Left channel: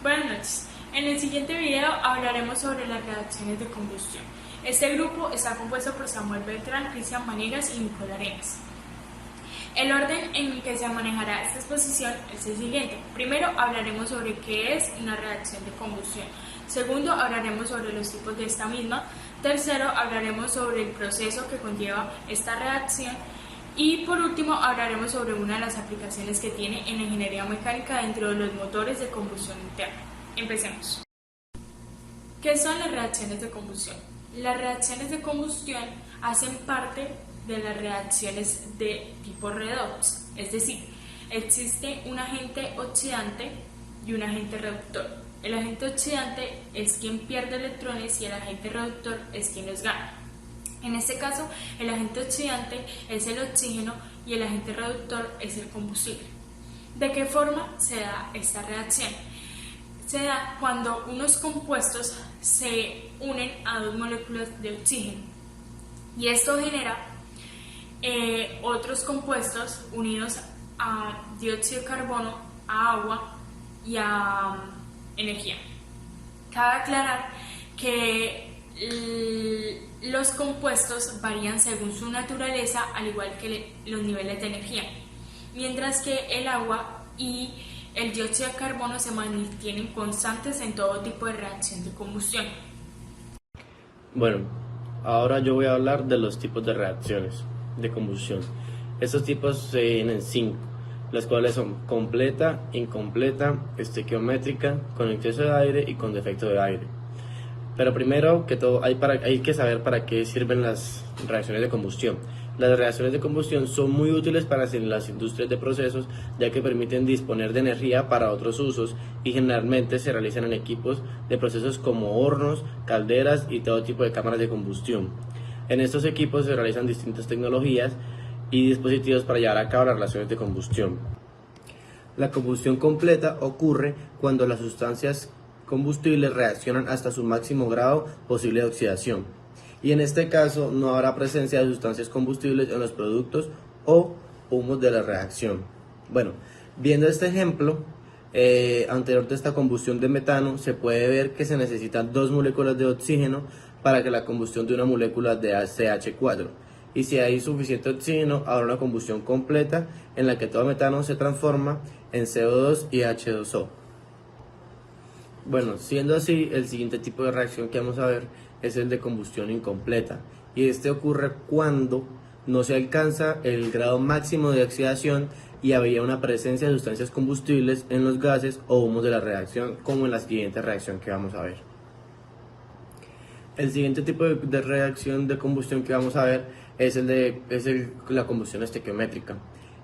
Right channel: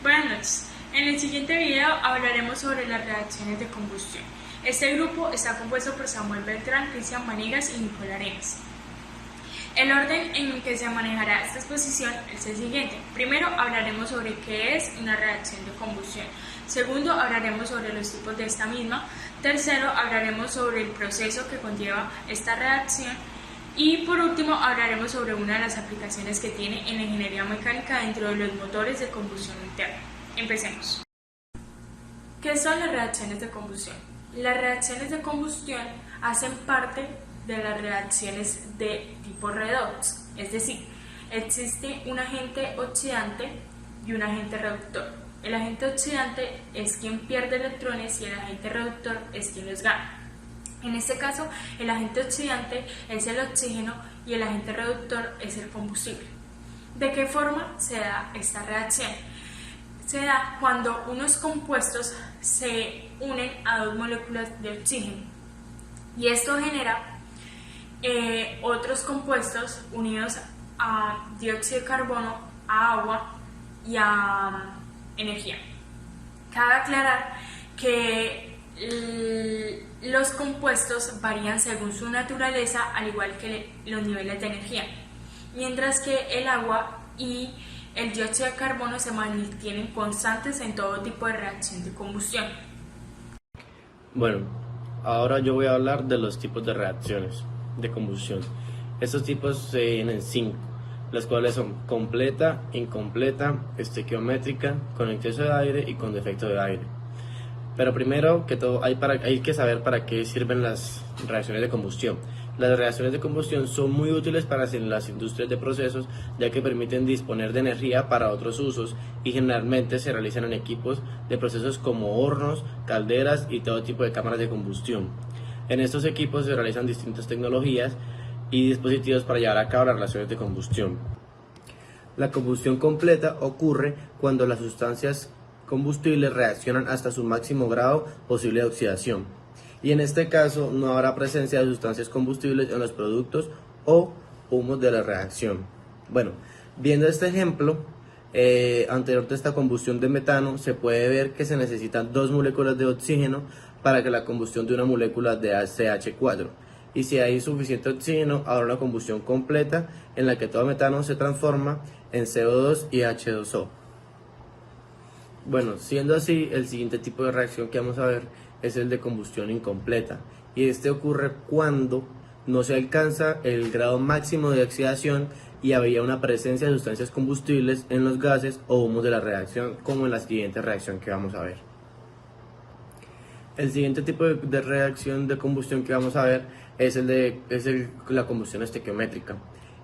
Buenas noches. En el siguiente video hablaremos sobre las reacciones de combustión. Este grupo está compuesto por Samuel Beltrán, Cristian Vanegas y Nicole Arenas. El orden en que se manejará esta exposición es el siguiente. Primero hablaremos sobre qué es una reacción de combustión. Segundo, hablaremos sobre los tipos de esta misma. Tercero, hablaremos sobre el proceso que conlleva esta reacción. Y por último, hablaremos sobre una de las aplicaciones que tiene en la ingeniería mecánica dentro de los motores de combustión interna. Empecemos. ¿Qué son las reacciones de combustión? Las reacciones de combustión hacen parte de las reacciones de tipo redox, es decir, existe un agente oxidante y un agente reductor. El agente oxidante es quien pierde electrones y el agente reductor es quien los gana. En este caso, el agente oxidante es el oxígeno y el agente reductor es el combustible. ¿De qué forma se da esta reacción? Se da cuando unos compuestos se unen a dos moléculas de oxígeno y esto genera otros compuestos unidos a dióxido de carbono, a agua y a energía. Cabe aclarar que los compuestos varían según su naturaleza, al igual que los niveles de energía, mientras que el agua y el dióxido de carbono se mantienen constantes en todo tipo de reacción de combustión. Bueno, ahora yo voy a hablar de los tipos de reacciones de combustión. Estos tipos se dividen en 5, las cuales son completa, incompleta, estequiométrica, con exceso de aire y con defecto de aire. Pero primero que todo hay que saber para qué sirven las reacciones de combustión. Las reacciones de combustión son muy útiles para las industrias de procesos, ya que permiten disponer de energía para otros usos y generalmente se realizan en equipos de procesos como hornos, calderas y todo tipo de cámaras de combustión. En estos equipos se realizan distintas tecnologías y dispositivos para llevar a cabo las reacciones de combustión. La combustión completa ocurre cuando las sustancias combustibles reaccionan hasta su máximo grado posible de oxidación, y en este caso no habrá presencia de sustancias combustibles en los productos o humos de la reacción. Bueno, viendo este ejemplo anterior de esta combustión de metano, se puede ver que se necesitan dos moléculas de oxígeno para que la combustión de una molécula de CH4, y si hay suficiente oxígeno habrá una combustión completa en la que todo metano se transforma en CO2 y H2O. Bueno, siendo así, el siguiente tipo de reacción que vamos a ver es el de combustión incompleta, y este ocurre cuando no se alcanza el grado máximo de oxidación y habría una presencia de sustancias combustibles en los gases o humos de la reacción, como en la siguiente reacción que vamos a ver. El siguiente tipo de reacción de combustión que vamos a ver es la combustión estequiométrica.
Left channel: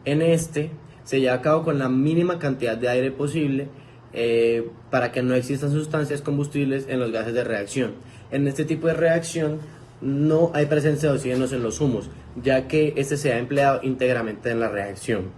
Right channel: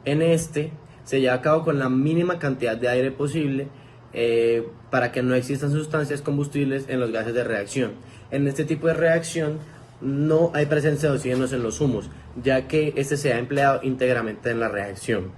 En este se lleva a cabo con la mínima cantidad de aire posible para que no existan sustancias combustibles en los gases de reacción. En este tipo de reacción no hay presencia de oxígenos en los humos, ya que este se ha empleado íntegramente en la reacción.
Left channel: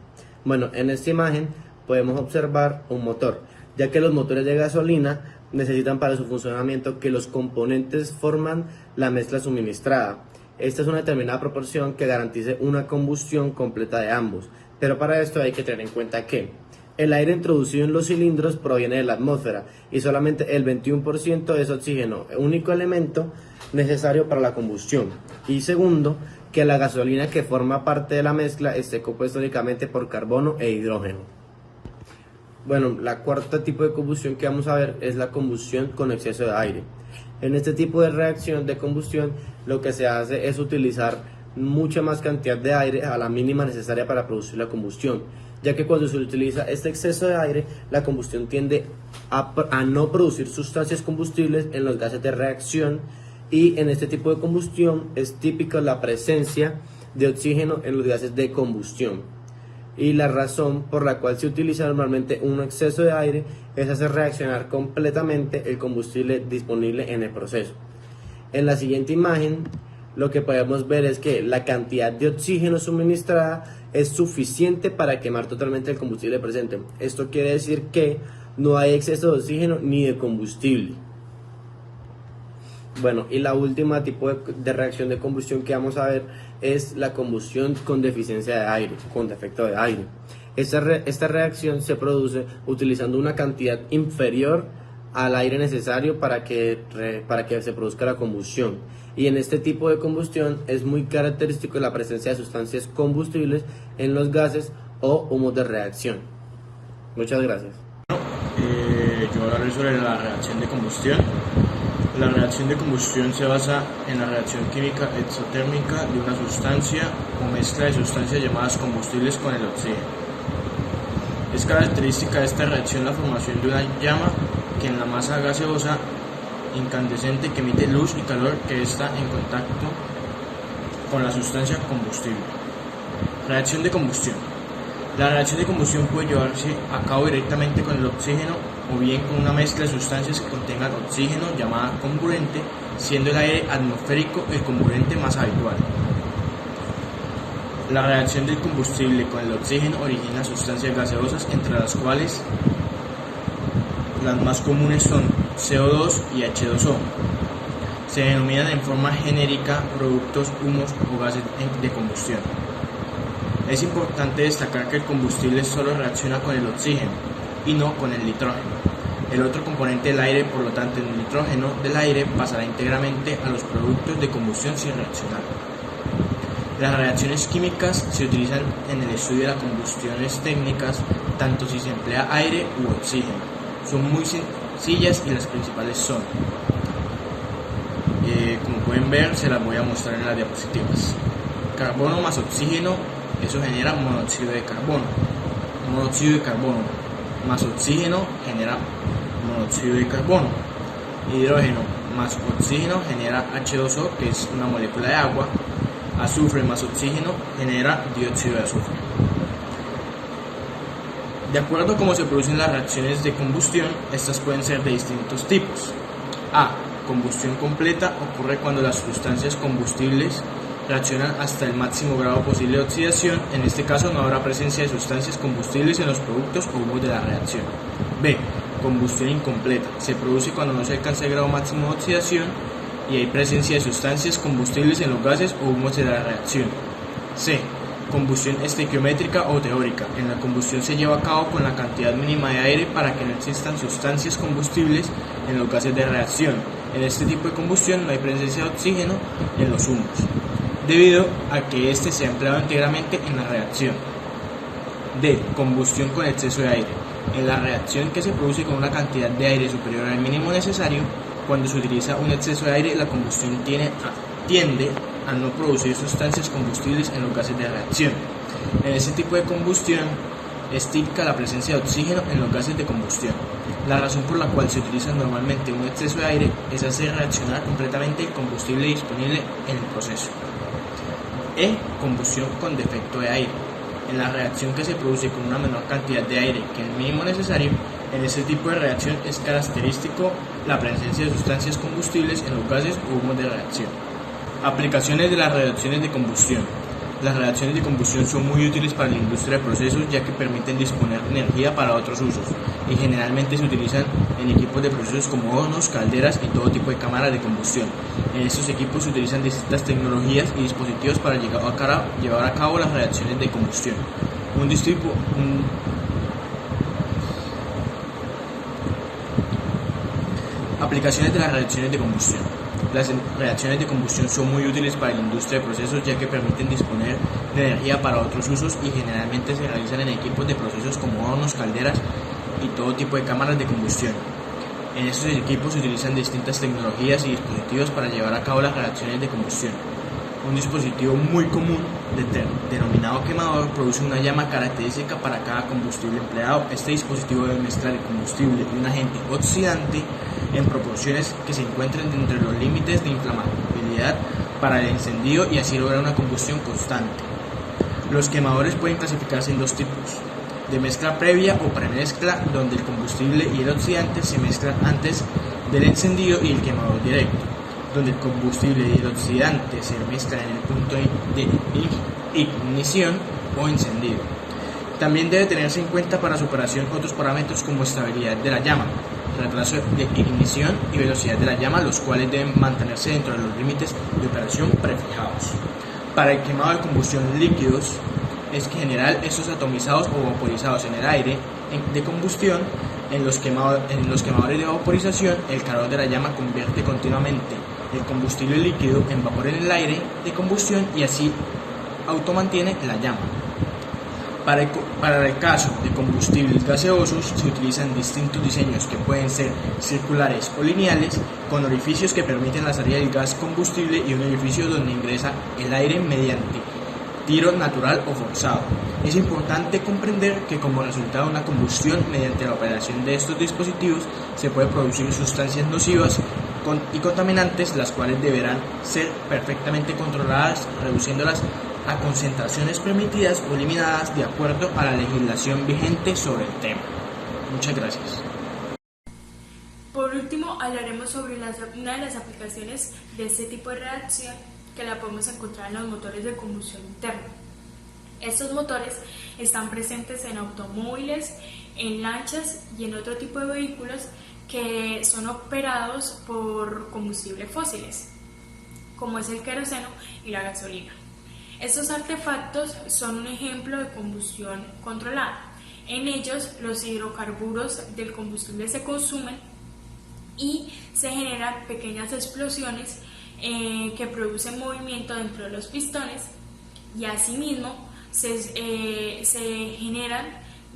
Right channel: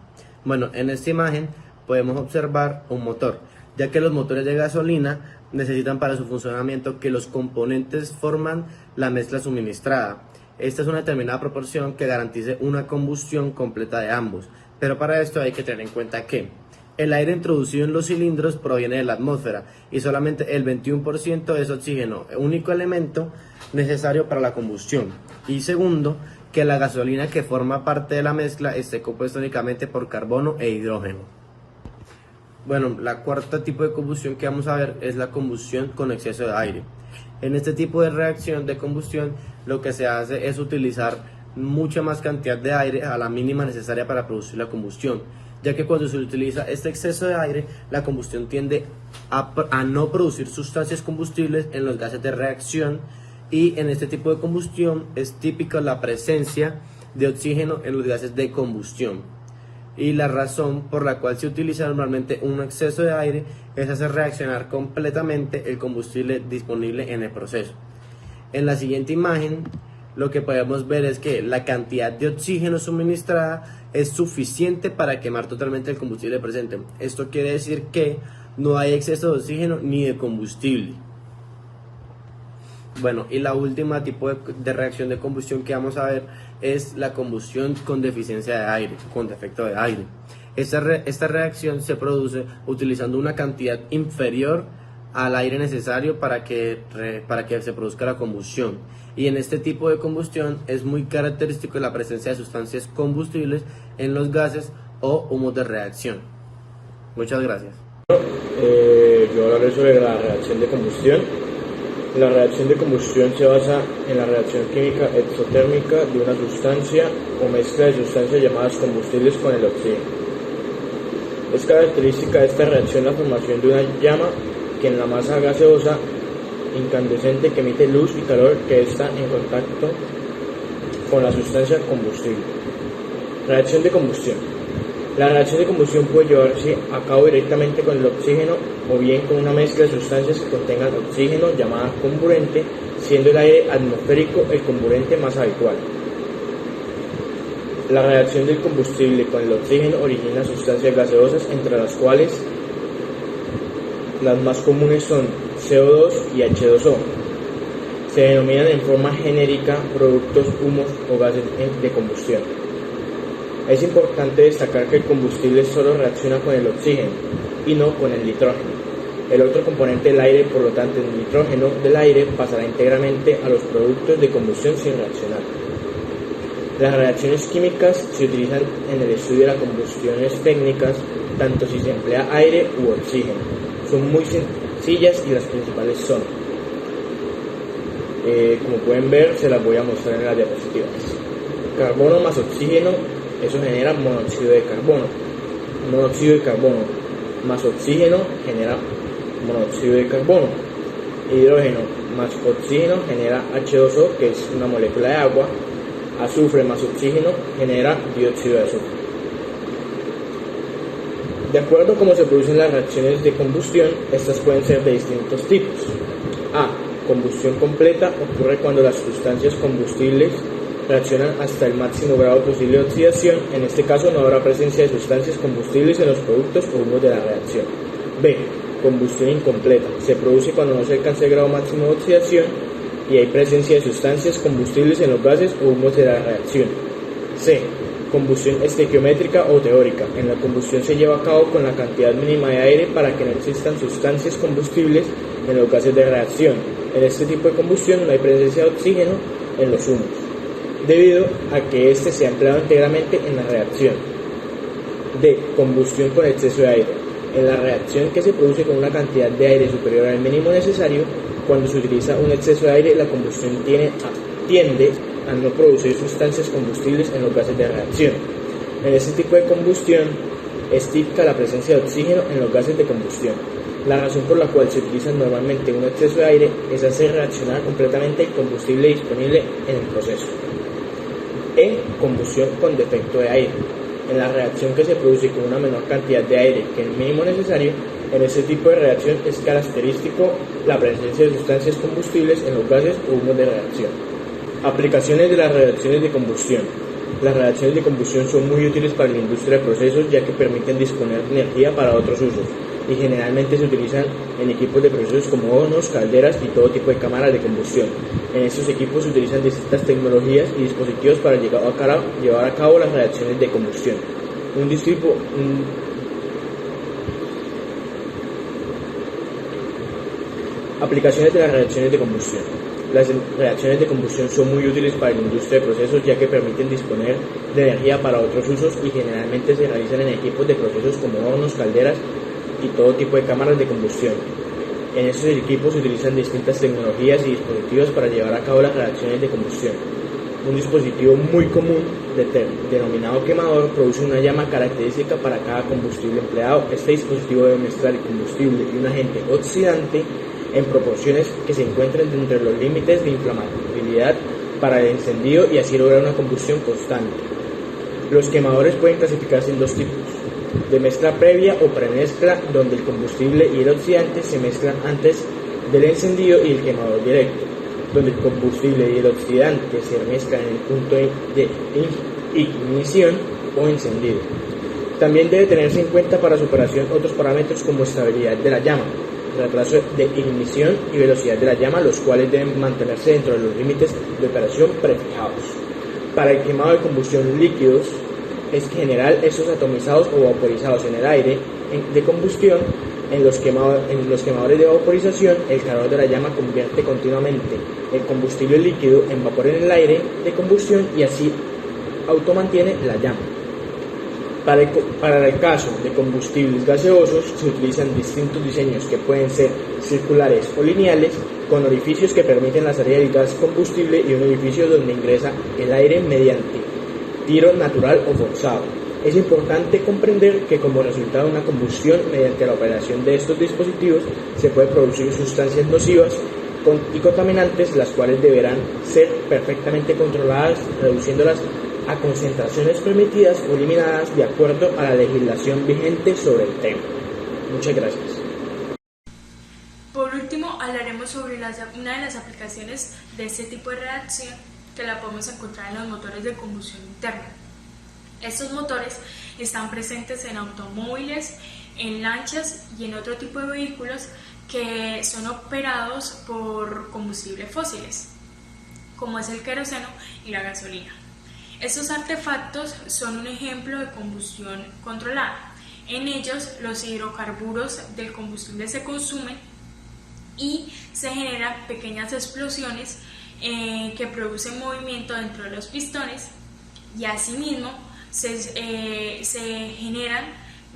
Bueno, en esta imagen podemos observar un motor, ya que los motores de gasolina necesitan para su funcionamiento que los componentes forman la mezcla suministrada. Esta es una determinada proporción que garantice una combustión completa de ambos, pero para esto hay que tener en cuenta que el aire introducido en los cilindros proviene de la atmósfera y solamente el 21% es oxígeno, único elemento necesario para la combustión. Y segundo, que la gasolina que forma parte de la mezcla esté compuesta únicamente por carbono e hidrógeno. Bueno, la cuarta tipo de combustión que vamos a ver es la combustión con exceso de aire. En este tipo de reacción de combustión lo que se hace es utilizar mucha más cantidad de aire a la mínima necesaria para producir la combustión, ya que cuando se utiliza este exceso de aire, la combustión tiende a no producir sustancias combustibles en los gases de reacción, y en este tipo de combustión es típica la presencia de oxígeno en los gases de combustión. Y la razón por la cual se utiliza normalmente un exceso de aire es hacer reaccionar completamente el combustible disponible en el proceso. En la siguiente imagen lo que podemos ver es que la cantidad de oxígeno suministrada es suficiente para quemar totalmente el combustible presente. Esto quiere decir que no hay exceso de oxígeno ni de combustible. Bueno, y la última tipo de reacción de combustión que vamos a ver es la combustión con deficiencia de aire, con defecto de aire. Esta reacción se produce utilizando una cantidad inferior al aire necesario para que se produzca la combustión. Y en este tipo de combustión es muy característico la presencia de sustancias combustibles en los gases o humos de reacción. Muchas gracias. Yo hablaré sobre la reacción de combustión. La reacción de combustión se basa en la reacción química exotérmica de una sustancia o mezcla de sustancias llamadas combustibles con el oxígeno. Es característica de esta reacción la formación de una llama que en la masa gaseosa incandescente que emite luz y calor que está en contacto con la sustancia combustible. Reacción de combustión. La reacción de combustión puede llevarse a cabo directamente con el oxígeno o bien con una mezcla de sustancias que contengan oxígeno llamada comburente, siendo el aire atmosférico el comburente más habitual. La reacción del combustible con el oxígeno origina sustancias gaseosas, entre las cuales las más comunes son CO2 y H2O. Se denominan en forma genérica productos, humos o gases de combustión. Es importante destacar que el combustible solo reacciona con el oxígeno y no con el nitrógeno. El otro componente del aire, por lo tanto el nitrógeno del aire, pasará íntegramente a los productos de combustión sin reaccionar. Las reacciones químicas se utilizan en el estudio de las combustiones técnicas, tanto si se emplea aire u oxígeno. Son muy sencillas y las principales son, como pueden ver, se las voy a mostrar en las diapositivas. Carbono más oxígeno, eso genera monóxido de carbono. Monóxido de carbono más oxígeno genera monóxido de carbono. Hidrógeno más oxígeno genera H2O, que es una molécula de agua. Azufre más oxígeno genera dióxido de azufre. De acuerdo a cómo se producen las reacciones de combustión, estas pueden ser de distintos tipos. A. Combustión completa ocurre cuando las sustancias combustibles reaccionan hasta el máximo grado posible de oxidación. En este caso no habrá presencia de sustancias combustibles en los productos o humos de la reacción. B. Combustión incompleta. Se produce cuando no se alcanza el grado máximo de oxidación y hay presencia de sustancias combustibles en los gases o humos de la reacción. C. Combustión estequiométrica o teórica. En la combustión se lleva a cabo con la cantidad mínima de aire para que no existan sustancias combustibles en los gases de reacción. En este tipo de combustión no hay presencia de oxígeno en los humos, debido a que éste se ha empleado íntegramente en la reacción. D. Combustión con exceso de aire. En la reacción que se produce con una cantidad de aire superior al mínimo necesario, cuando se utiliza un exceso de aire, la combustión tiende a no producir sustancias combustibles en los gases de reacción. En este tipo de combustión es típica la presencia de oxígeno en los gases de combustión. La razón por la cual se utiliza normalmente un exceso de aire es hacer reaccionar completamente el combustible disponible en el proceso. E. Combustión con defecto de aire. En la reacción que se produce con una menor cantidad de aire que el mínimo necesario, en este tipo de reacción es característico la presencia de sustancias combustibles en los gases o humos de reacción. Aplicaciones de las reacciones de combustión. Las reacciones de combustión son muy útiles para la industria de procesos, ya que permiten disponer de energía para otros usos y generalmente se utilizan en equipos de procesos como hornos, calderas y todo tipo de cámaras de combustión. En estos equipos se utilizan distintas tecnologías y dispositivos para llevar a cabo las reacciones de combustión. Aplicaciones de las reacciones de combustión. Las reacciones de combustión son muy útiles para la industria de procesos, ya que permiten disponer de energía para otros usos y generalmente se realizan en equipos de procesos como hornos, calderas y todo tipo de cámaras de combustión. En estos equipos se utilizan distintas tecnologías y dispositivos para llevar a cabo las reacciones de combustión. Un dispositivo muy común, denominado quemador, produce una llama característica para cada combustible empleado. Este dispositivo debe mezclar el combustible y un agente oxidante en proporciones que se encuentren dentro de los límites de inflamabilidad para el encendido y así lograr una combustión constante. Los quemadores pueden clasificarse en dos tipos: de mezcla previa o premezcla, donde el combustible y el oxidante se mezclan antes del encendido, y el quemador directo, donde el combustible y el oxidante se mezclan en el punto de ignición o encendido. También debe tenerse en cuenta para su operación otros parámetros como estabilidad de la llama, retraso de ignición y velocidad de la llama, los cuales deben mantenerse dentro de los límites de operación prefijados. Para el quemado de combustión líquidos, es general estos atomizados o vaporizados en el aire de combustión. En los quemadores de vaporización, el calor de la llama convierte continuamente el combustible líquido en vapor en el aire de combustión y así automantiene la llama. Para el caso de combustibles gaseosos se utilizan distintos diseños que pueden ser circulares o lineales, con orificios que permiten la salida del gas combustible y un orificio donde ingresa el aire mediante tiro natural o forzado. Es importante comprender que como resultado de una combustión mediante la operación de estos dispositivos se pueden producir sustancias nocivas y contaminantes, las cuales deberán ser perfectamente controladas, reduciéndolas a concentraciones permitidas o eliminadas de acuerdo a la legislación vigente sobre el tema. Muchas gracias. Por último, hablaremos sobre una de las aplicaciones de este tipo de reacción que la podemos encontrar en los motores de combustión interna. Estos motores están presentes en automóviles, en lanchas y en otro tipo de vehículos que son operados por combustibles fósiles, como es el queroseno y la gasolina. Estos artefactos son un ejemplo de combustión controlada. En ellos, los hidrocarburos del combustible se consumen y se generan pequeñas explosiones que producen movimiento dentro de los pistones y asimismo se generan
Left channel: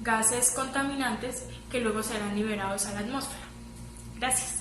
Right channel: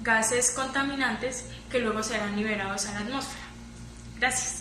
gases contaminantes que luego serán liberados a la atmósfera. Gracias.